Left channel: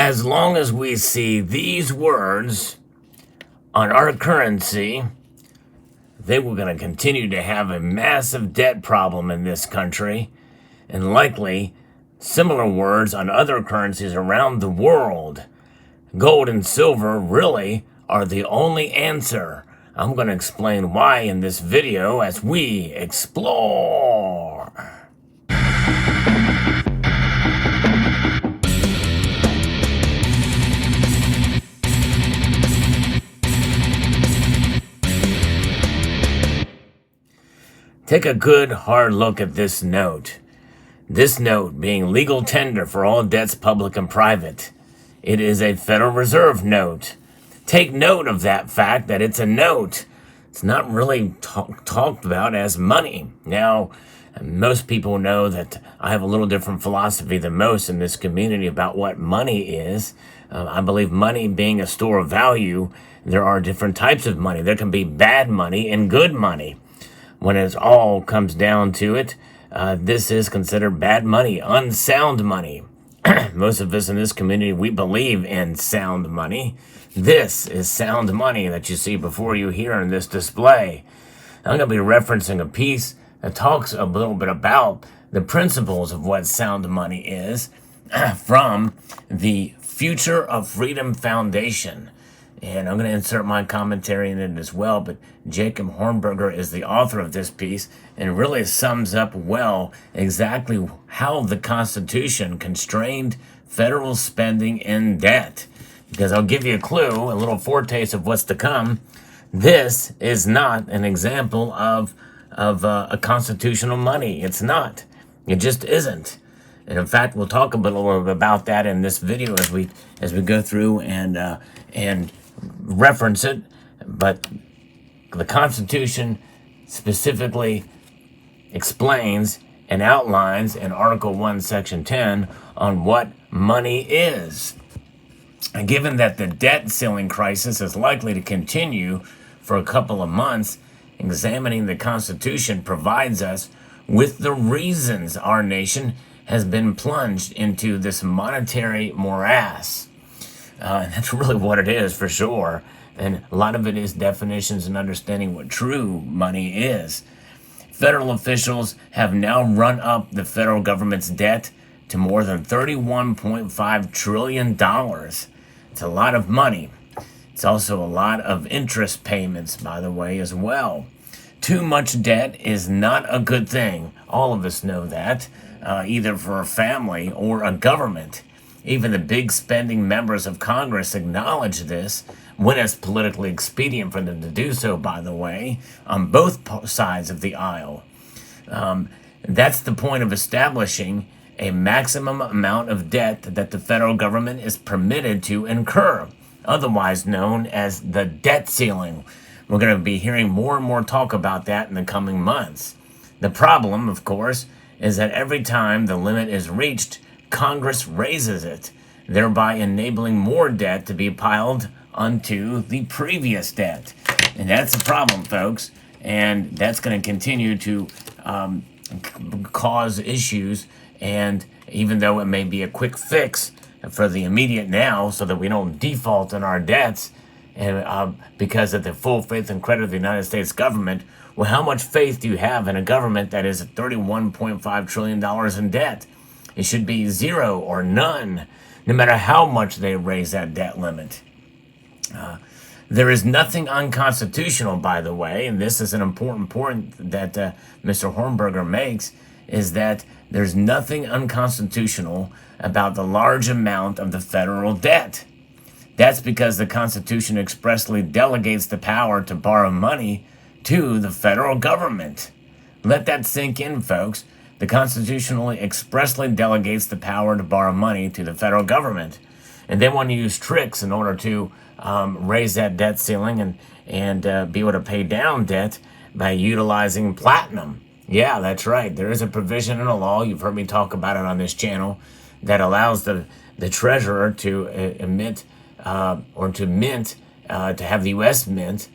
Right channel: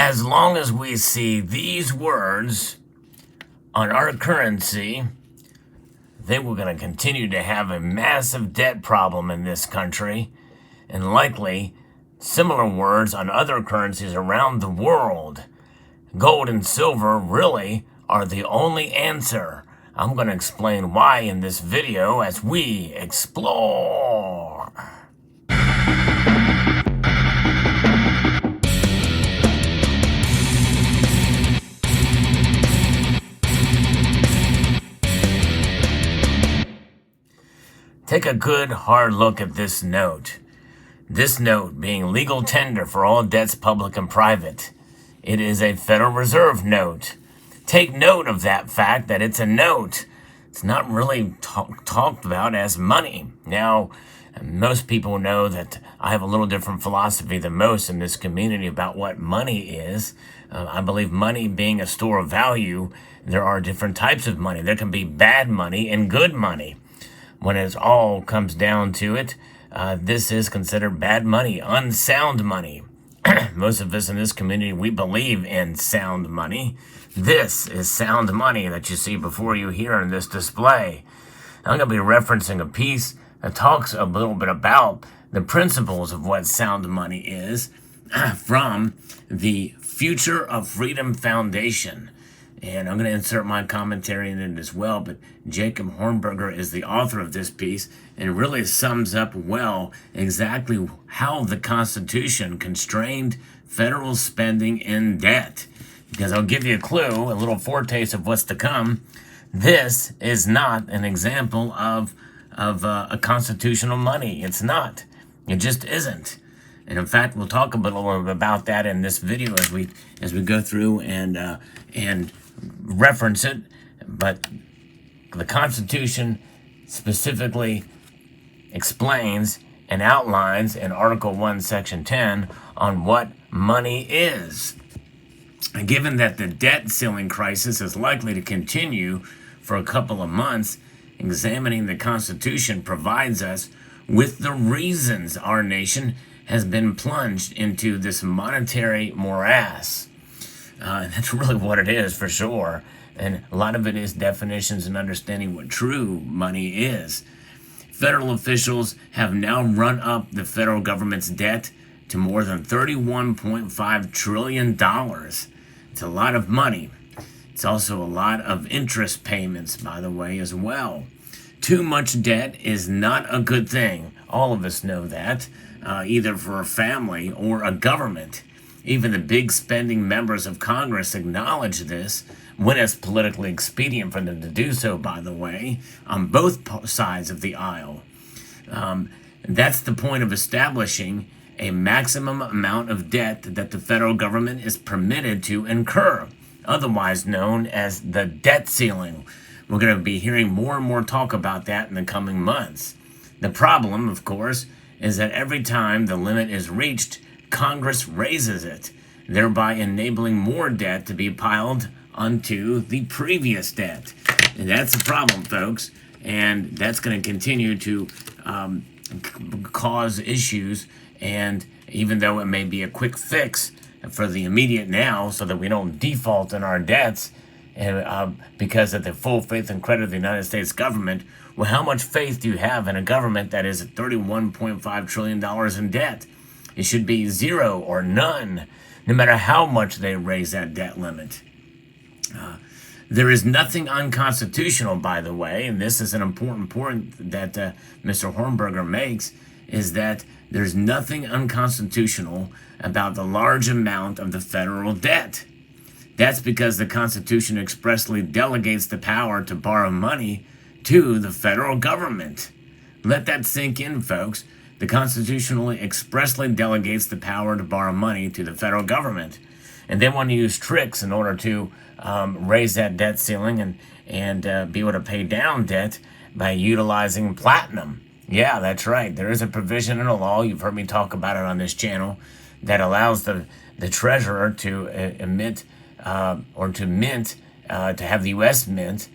as long as we see these words on our currency, they were going to continue to have a massive debt problem in this country, and likely similar words on other currencies around the world. Gold and silver really are the only answer. I'm going to explain why in this video as we explore. Take a good hard look at this note. This note being legal tender for all debts public and private. It is a Federal Reserve note. Take note of that fact that it's a note. It's not really talked about as money. Now, most people know that I have a little different philosophy than most in this community about what money is. I believe money being a store of value, there are different types of money. There can be bad money and good money. When it all comes down to it, this is considered bad money, unsound money. Most of us in this community, we believe in sound money. This is sound money that you see before you here in this display. I'm going to be referencing a piece that talks a little bit about the principles of what sound money is from the Future of Freedom Foundation. And I'm going to insert my commentary in it as well, but Jacob Hornberger is the author of this piece and really sums up well exactly how the Constitution constrained federal spending and debt. Because I'll give you a clue, a little foretaste of what's to come. This is not an example of a constitutional money. It's not. It just isn't. And in fact, we'll talk a little bit about that in this video as we go through and reference it. But the Constitution specifically explains and outlines in Article 1, Section 10 on what money is. And given that the debt ceiling crisis is likely to continue for a couple of months, examining the Constitution provides us with the reasons our nation has been plunged into this monetary morass. That's really what it is for sure. And a lot of it is definitions and understanding what true money is. Federal officials have now run up the federal government's debt to more than $31.5 trillion. It's a lot of money. It's also a lot of interest payments, by the way, as well. Too much debt is not a good thing. All of us know that, either for a family or a government. Even the big spending members of Congress acknowledge this when it's politically expedient for them to do so, by the way, on both sides of the aisle. That's the point of establishing a maximum amount of debt that the federal government is permitted to incur, otherwise known as the debt ceiling. We're going to be hearing more and more talk about that in the coming months. The problem, of course, is that every time the limit is reached, Congress raises it, thereby enabling more debt to be piled onto the previous debt. And that's a problem, folks, and that's going to continue to cause issues. And even though it may be a quick fix for the immediate now so that we don't default on our debts and because of the full faith and credit of the United States government, well, how much faith do you have in a government that is $31.5 trillion in debt? It should be zero or none, no matter how much they raise that debt limit. There is nothing unconstitutional, by the way, and this is an important point that Mr. Hornberger makes, is that there's nothing unconstitutional about the large amount of the federal debt. That's because the Constitution expressly delegates the power to borrow money to the federal government. Let that sink in, folks. The Constitution expressly delegates the power to borrow money to the federal government. And they want to use tricks in order to raise that debt ceiling and be able to pay down debt by utilizing platinum. Yeah, that's right. There is a provision in the law, you've heard me talk about it on this channel, that allows the treasurer to emit or to mint, to have the U.S. mint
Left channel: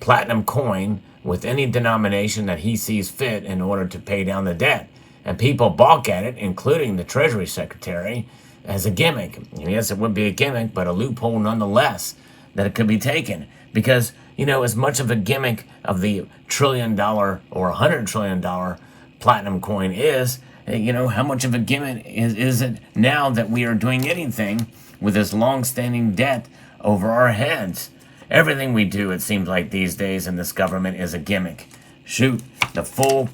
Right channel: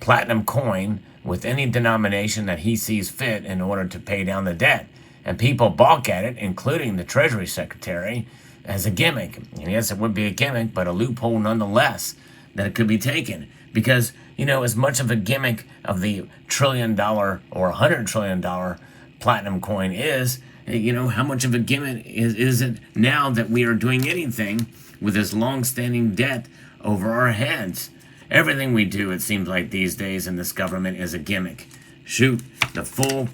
platinum coin with any denomination that he sees fit in order to pay down the debt. And people balk at it, including the Treasury Secretary, as a gimmick. And yes, it would be a gimmick, but a loophole nonetheless that it could be taken. Because, as much of a gimmick of the $1 trillion or $100 trillion platinum coin is, how much of a gimmick is it now that we are doing anything with this long-standing debt over our heads? Everything we do, it seems like these days in this government, is a gimmick. Shoot, the full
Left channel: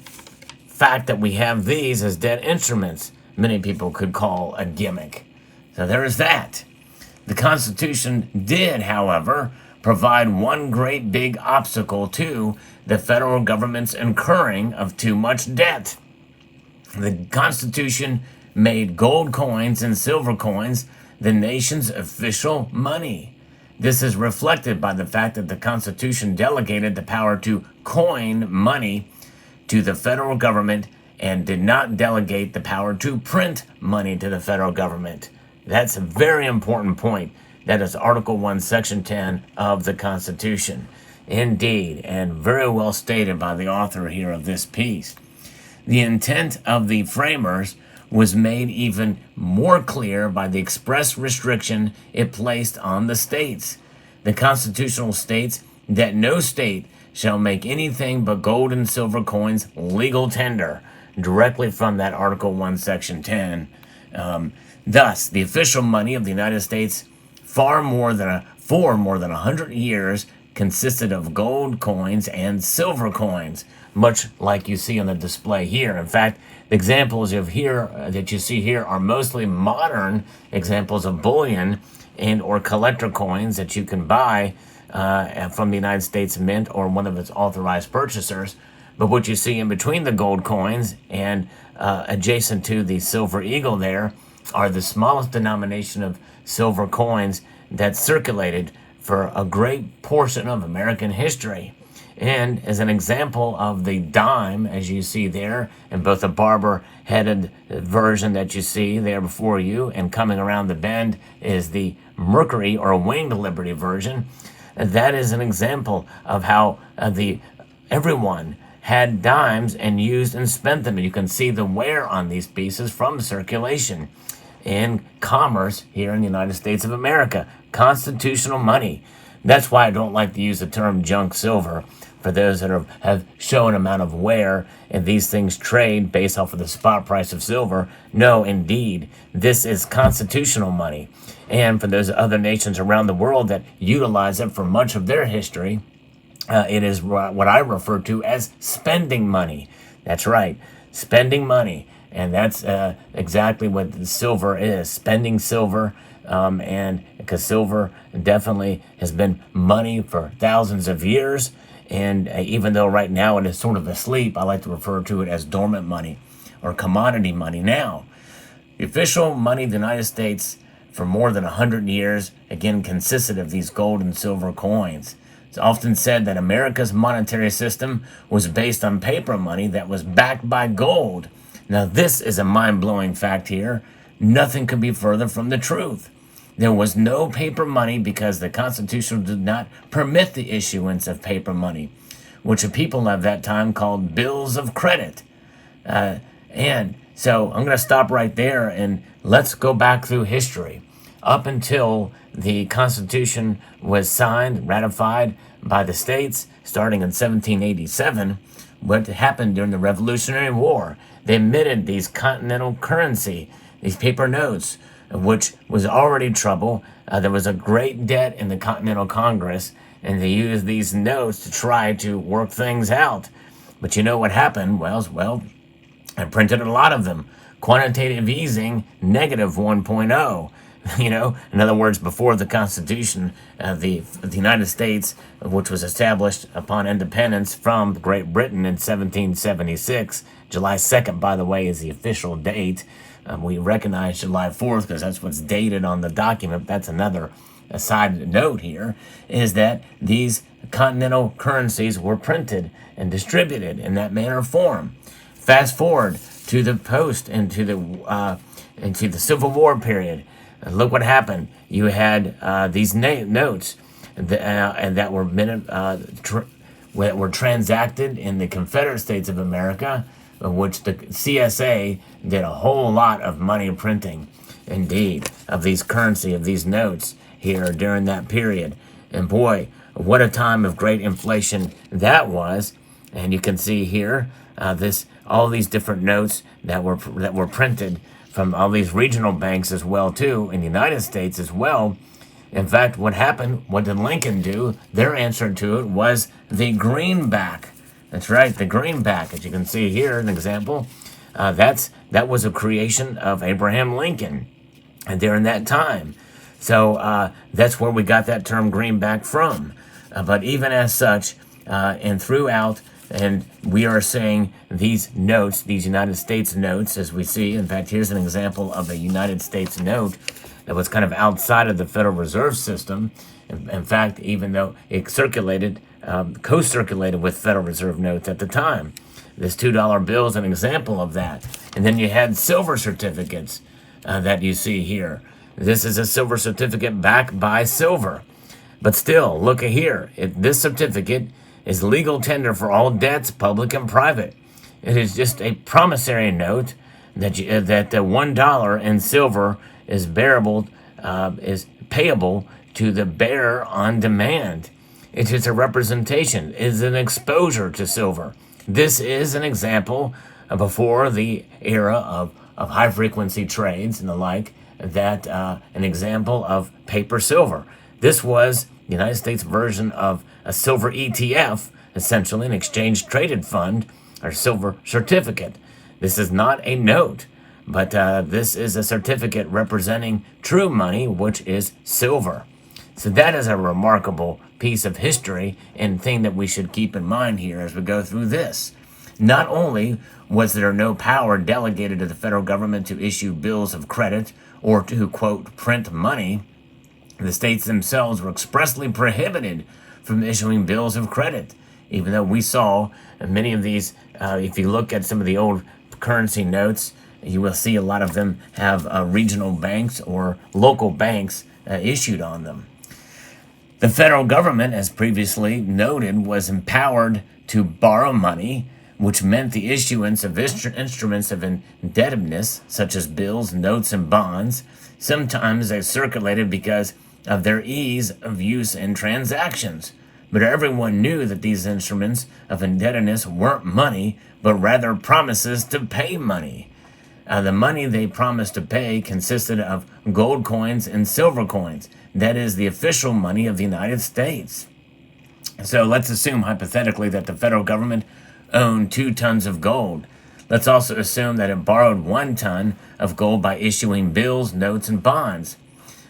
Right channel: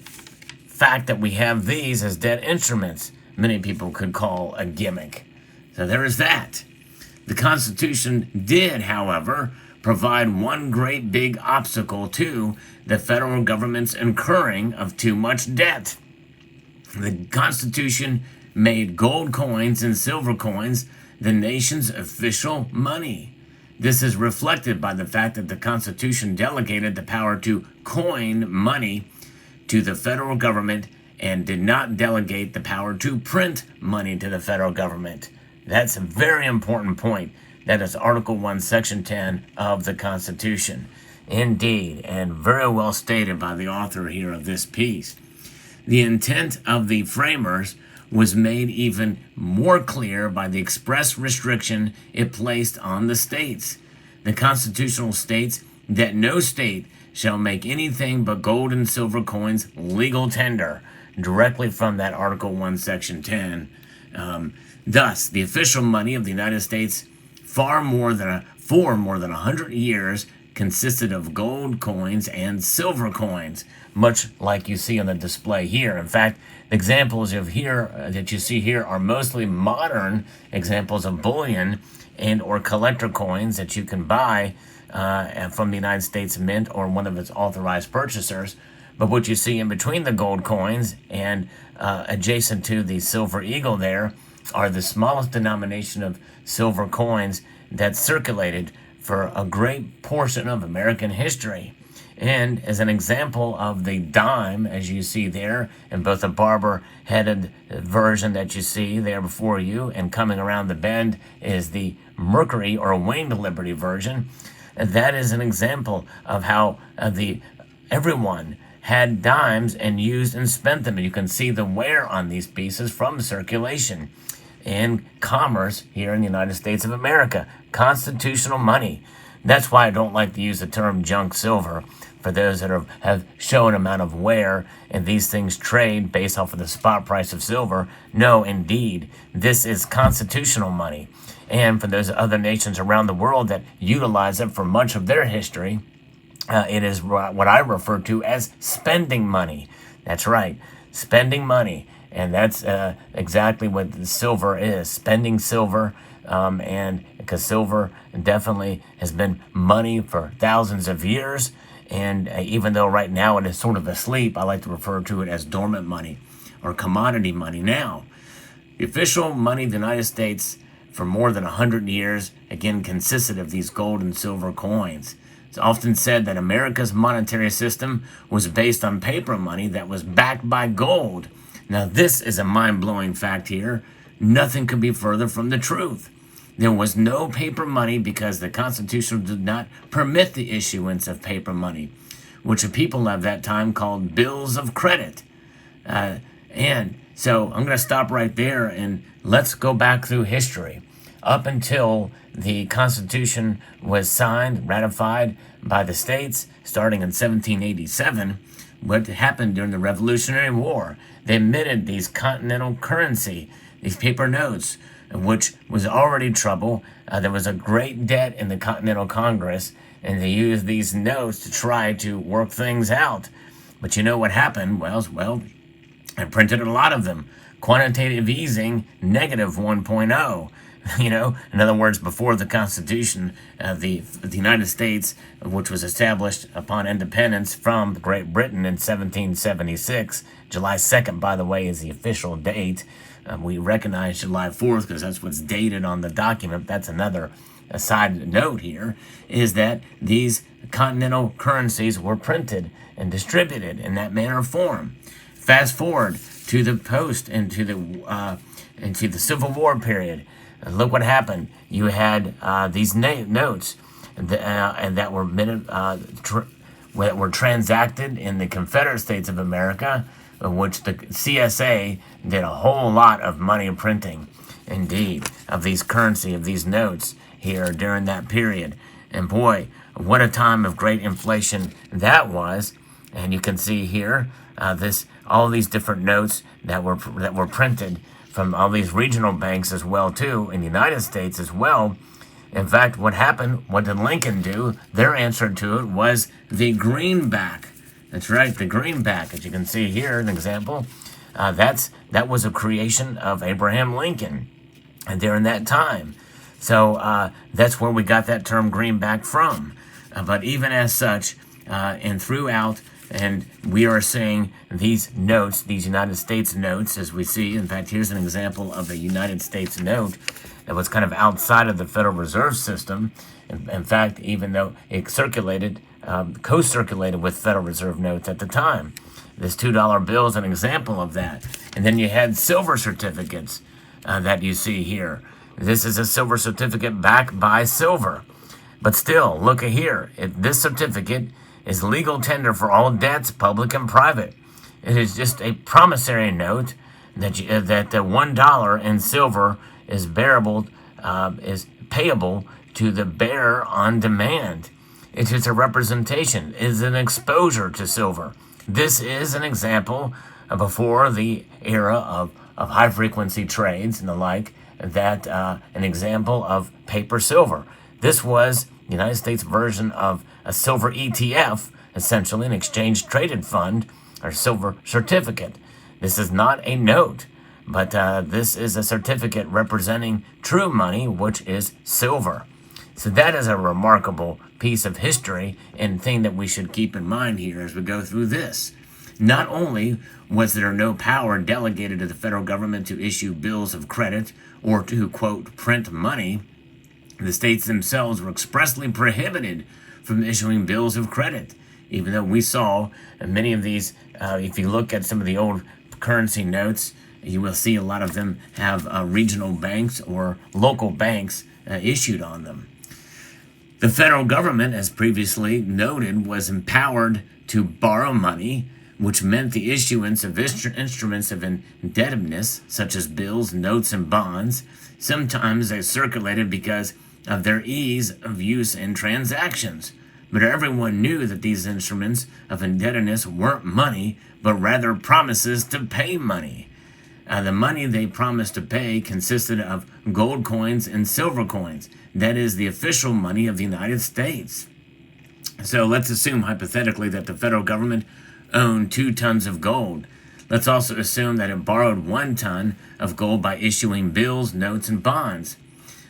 fact that we have these as debt instruments, many people could call a gimmick. So there is that. The Constitution did, however, provide one great big obstacle to the federal government's incurring of too much debt. The Constitution made gold coins and silver coins the nation's official money. This is reflected by the fact that the Constitution delegated the power to coin money to the federal government and did not delegate the power to print money to the federal government. That's a very important point. That is Article 1, Section 10 of the Constitution. Indeed, and very well stated by the author here of this piece. The intent of the framers was made even more clear by the express restriction it placed on the states. The Constitution states that no state shall make anything but gold and silver coins legal tender, directly from that Article 1, Section 10. Thus, the official money of the United States for more than 100 years consisted of gold coins and silver coins, much like you see on the display here. In fact, the examples that you see here are mostly modern examples of bullion and or collector coins that you can buy from the United States Mint or one of its authorized purchasers. But what you see in between the gold coins and adjacent to the Silver Eagle there are the smallest denomination of silver coins that circulated for a great portion of American history. And as an example of the dime, as you see there, in both the barber-headed version that you see there before you, and coming around the bend is the Mercury or Winged Liberty version. That is an example of how everyone had dimes and used and spent them. And you can see the wear on these pieces from circulation and commerce here in the United States of America. Constitutional money. That's why I don't like to use the term junk silver for those that have shown amount of wear and these things trade based off of the spot price of silver. No, indeed, this is constitutional money. And for those other nations around the world that utilize it for much of their history, it is what I refer to as spending money. That's right, spending money. And that's exactly what silver is, spending silver. And because silver definitely has been money for thousands of years. And even though right now it is sort of asleep, I like to refer to it as dormant money or commodity money now. The official money of the United States for more than 100 years, again, consisted of these gold and silver coins. It's often said that America's monetary system was based on paper money that was backed by gold. Now, this is a mind-blowing fact here. Nothing could be further from the truth. There was no paper money because the Constitution did not permit the issuance of paper money, which the people of that time called bills of credit. And so I'm going to stop right there and let's go back through history. Up until the Constitution was signed, ratified by the states, starting in 1787, what happened during the Revolutionary War? They emitted these continental currency, these paper notes, which was already trouble. There was a great debt in the Continental Congress, and they used these notes to try to work things out. But you know what happened? Well, I printed a lot of them. Quantitative easing, negative 1.0. In other words, before the Constitution, the United States, which was established upon independence from Great Britain in 1776, July 2nd, by the way, is the official date. We recognize July 4th because that's what's dated on the document. That's another side note here, is that these continental currencies were printed and distributed in that manner of form. Fast forward to the post and to the Civil War period. Look what happened. You had these notes that were transacted in the Confederate States of America of which the CSA did a whole lot of money printing, indeed, of these currency, of these notes here during that period. And boy, what a time of great inflation that was. And you can see here all these different notes that were printed from all these regional banks as well too, in the United States as well. In fact, what happened, what did Lincoln do? Their answer to it was the greenback. That's right, the greenback. As you can see here, an example. That was a creation of Abraham Lincoln during that time. So that's where we got that term greenback from. But even as such, and throughout, and we are seeing these notes, these United States notes, as we see. In fact, here's an example of a United States note that was kind of outside of the Federal Reserve System. In fact, even though it circulated, co-circulated with Federal Reserve notes at the time. This $2 bill is an example of that. And then you had silver certificates that you see here. This is a silver certificate backed by silver. But still, look at here. This certificate is legal tender for all debts, public and private. It is just a promissory note that $1 in silver is is payable to the bearer on demand. It is a representation. It is an exposure to silver. This is an example before the era of high frequency trades and the like, that an example of paper silver. This was the United States version of a silver ETF, essentially an exchange traded fund or silver certificate. This is not a note, but this is a certificate representing true money, which is silver. So that is a remarkable piece of history and thing that we should keep in mind here as we go through this. Not only was there no power delegated to the federal government to issue bills of credit or to, quote, print money, the states themselves were expressly prohibited from issuing bills of credit, even though we saw many of these, if you look at some of the old currency notes, you will see a lot of them have regional banks or local banks issued on them. The federal government, as previously noted, was empowered to borrow money, which meant the issuance of instruments of indebtedness, such as bills, notes, and bonds. Sometimes they circulated because of their ease of use in transactions. But everyone knew that these instruments of indebtedness weren't money, but rather promises to pay money. The money they promised to pay consisted of gold coins and silver coins. That is the official money of the United States. So let's assume hypothetically that the federal government owned 2 tons of gold. Let's also assume that it borrowed 1 ton of gold by issuing bills, notes, and bonds.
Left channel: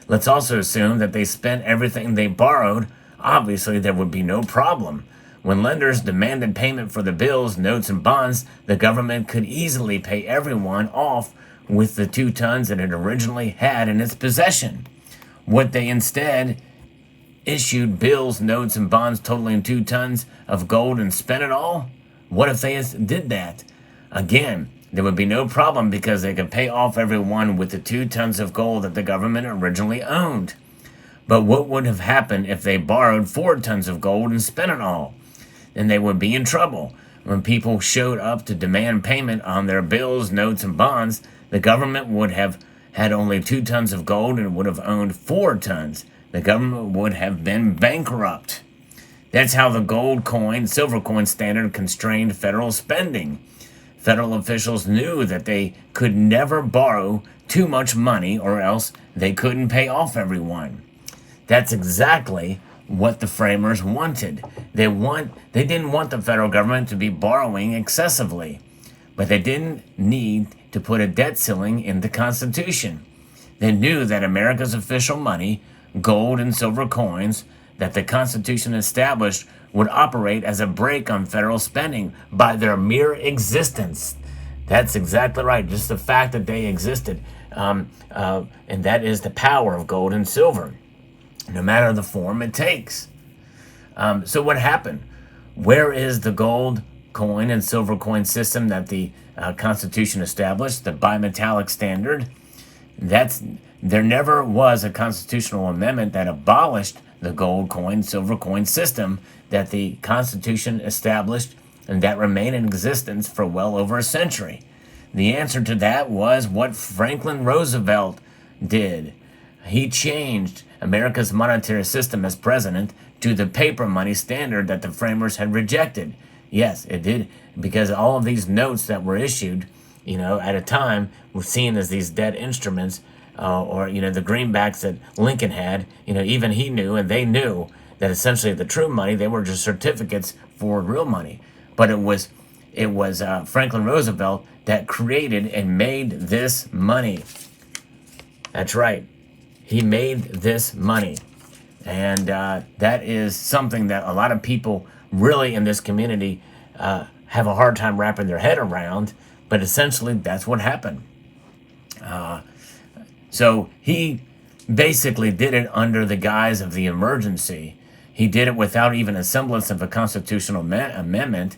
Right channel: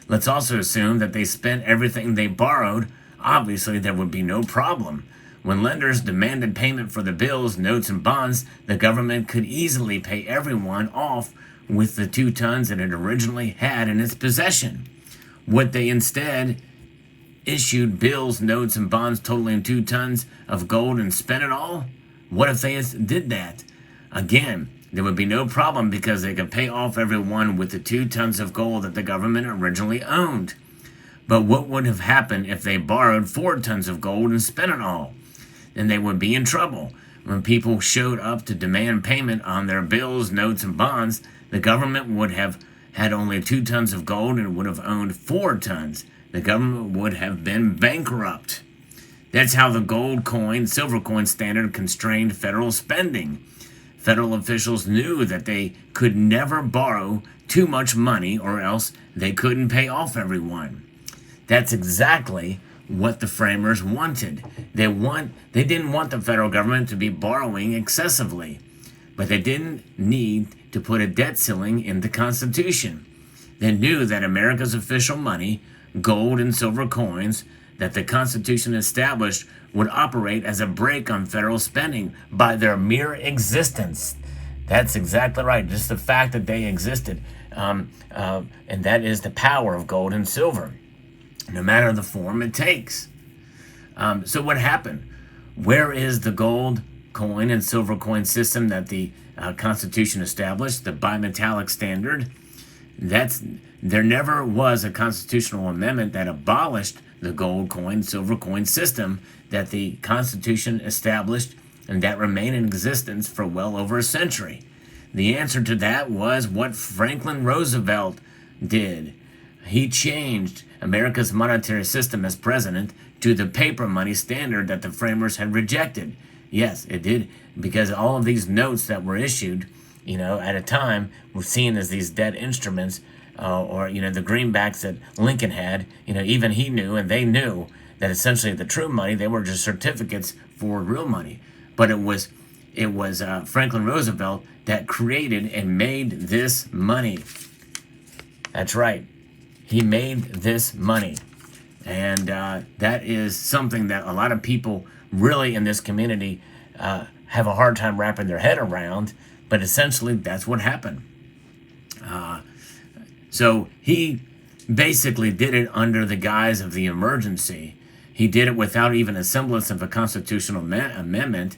Let's also assume that they spent everything they borrowed. Obviously, there would be no problem. When lenders demanded payment for the bills, notes, and bonds, the government could easily pay everyone off with the 2 tons that it originally had in its possession. What they instead issued bills, notes, and bonds totaling 2 tons of gold and spent it all? What if they did that? Again, there would be no problem because they could pay off everyone with the 2 tons of gold that the government originally owned. But what would have happened if they borrowed 4 tons of gold and spent it all? Then they would be in trouble. When people showed up to demand payment on their bills, notes, and bonds, the government would have had only 2 tons of gold and would have owned 4 tons. The government would have been bankrupt. That's how the gold coin, silver coin standard constrained federal spending. Federal officials knew that they could never borrow too much money or else they couldn't pay off everyone. That's exactly what the framers wanted. They didn't want the federal government to be borrowing excessively, but they didn't need to put a debt ceiling in the Constitution. They knew that America's official money, gold and silver coins, that the Constitution established would operate as a brake on federal spending by their mere existence. That's exactly right. Just the fact that they existed. And that is the power of gold and silver, no matter the form it takes. So what happened? Where is the gold coin and silver coin system that the Constitution established, the bimetallic standard? There never was a constitutional amendment that abolished the gold coin, silver coin system that the Constitution established and that remained in existence for well over a century? The answer to that was what Franklin Roosevelt did. He changed America's monetary system as president to the paper money standard that the framers had rejected. Yes, it did, because all of these notes that were issued, at a time were seen as these debt instruments, or the greenbacks that Lincoln had. Even he knew, and they knew, that essentially the true money, they were just certificates for real money. But it was Franklin Roosevelt that created and made this money. That's right. He made this money. And that is something that a lot of people really in this community have a hard time wrapping their head around. But essentially, that's what happened. So he basically did it under the guise of the emergency. He did it without even a semblance of a constitutional amendment.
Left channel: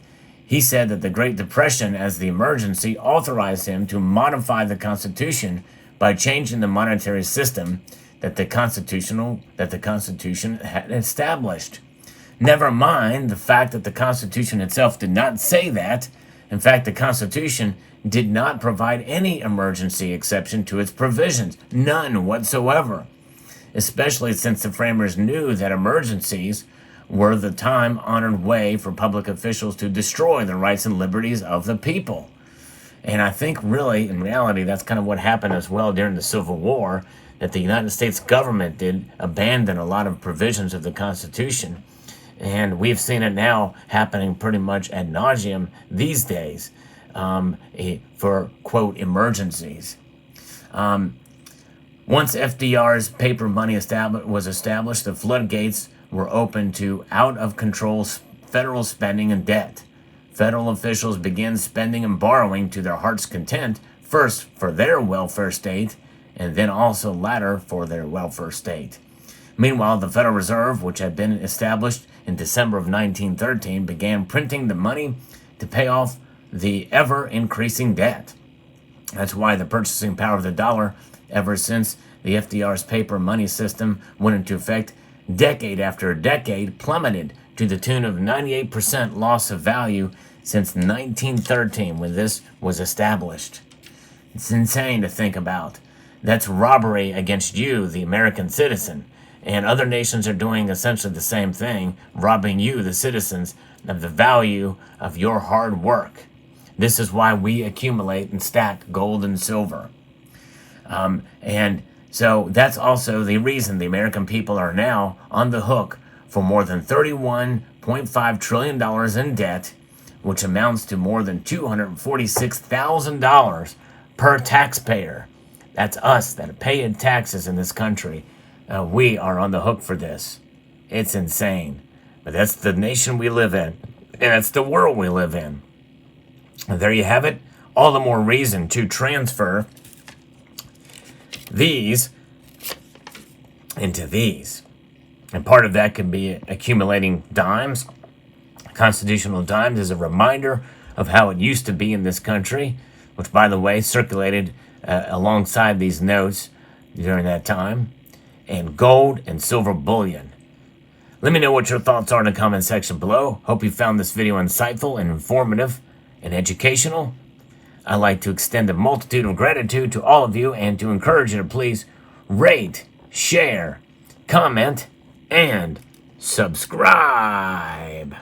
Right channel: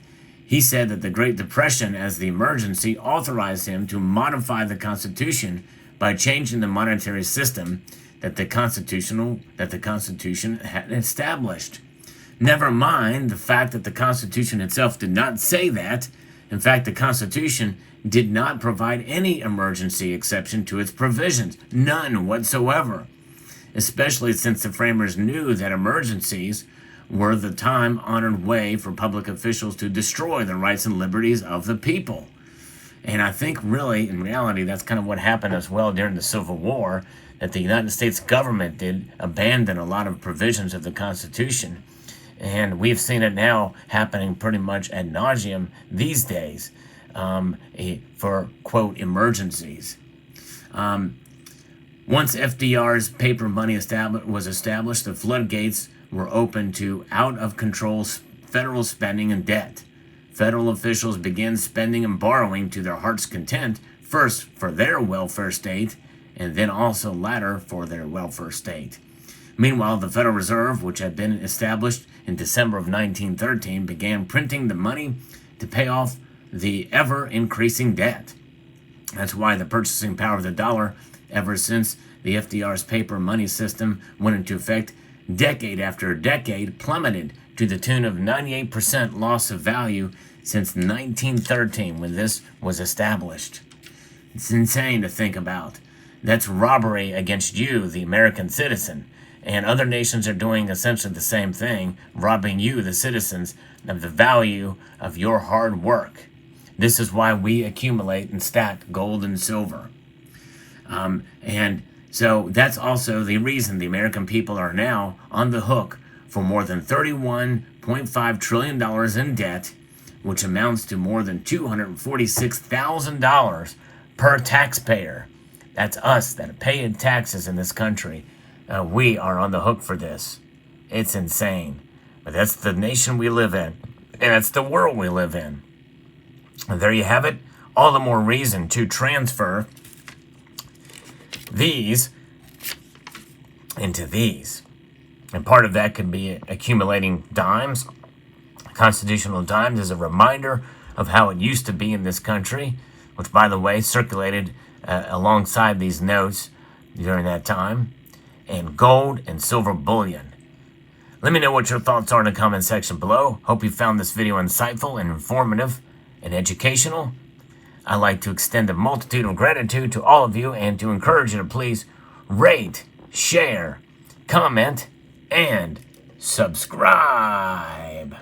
He said that the Great Depression, as the emergency, authorized him to modify the Constitution by changing the monetary system that the Constitution had established. Never mind the fact that the Constitution itself did not say that. In fact, the Constitution did not provide any emergency exception to its provisions, none whatsoever, especially since the framers knew that emergencies were the time-honored way for public officials to destroy the rights and liberties of the people. And I think really, in reality, that's kind of what happened as well during the Civil War, that the United States government did abandon a lot of provisions of the Constitution. And we've seen it now happening pretty much ad nauseum these days for, quote, emergencies. Once FDR's paper money was established, the floodgates were open to out-of-control federal spending and debt. Federal officials began spending and borrowing to their heart's content, first for their welfare state, and then also latter for their welfare state. Meanwhile, the Federal Reserve, which had been established in December of 1913, began printing the money to pay off the ever-increasing debt. That's why the purchasing power of the dollar, ever since the FDR's paper money system went into effect, decade after decade, plummeted to the tune of 98% loss of value since 1913, when this was established. It's insane to think about. That's robbery against you, the American citizen. And other nations are doing essentially the same thing, robbing you, the citizens, of the value of your hard work. This is why we accumulate and stack gold and silver. And so that's also the reason the American people are now on the hook for more than $31.5 trillion in debt, which amounts to more than $246,000 per taxpayer. That's us that pay in taxes in this country. We are on the hook for this. It's insane. But that's the nation we live in. And that's the world we live in. And there you have it. All the more reason to transfer these into these. And part of that could be accumulating dimes. Constitutional dimes is a reminder of how it used to be in this country, which, by the way, circulated alongside these notes during that time, and gold and silver bullion. Let me know what your thoughts are in the comment section below. Hope you found this video insightful and informative and educational. I'd like to extend a multitude of gratitude to all of you and to encourage you to please rate, share, comment, and subscribe.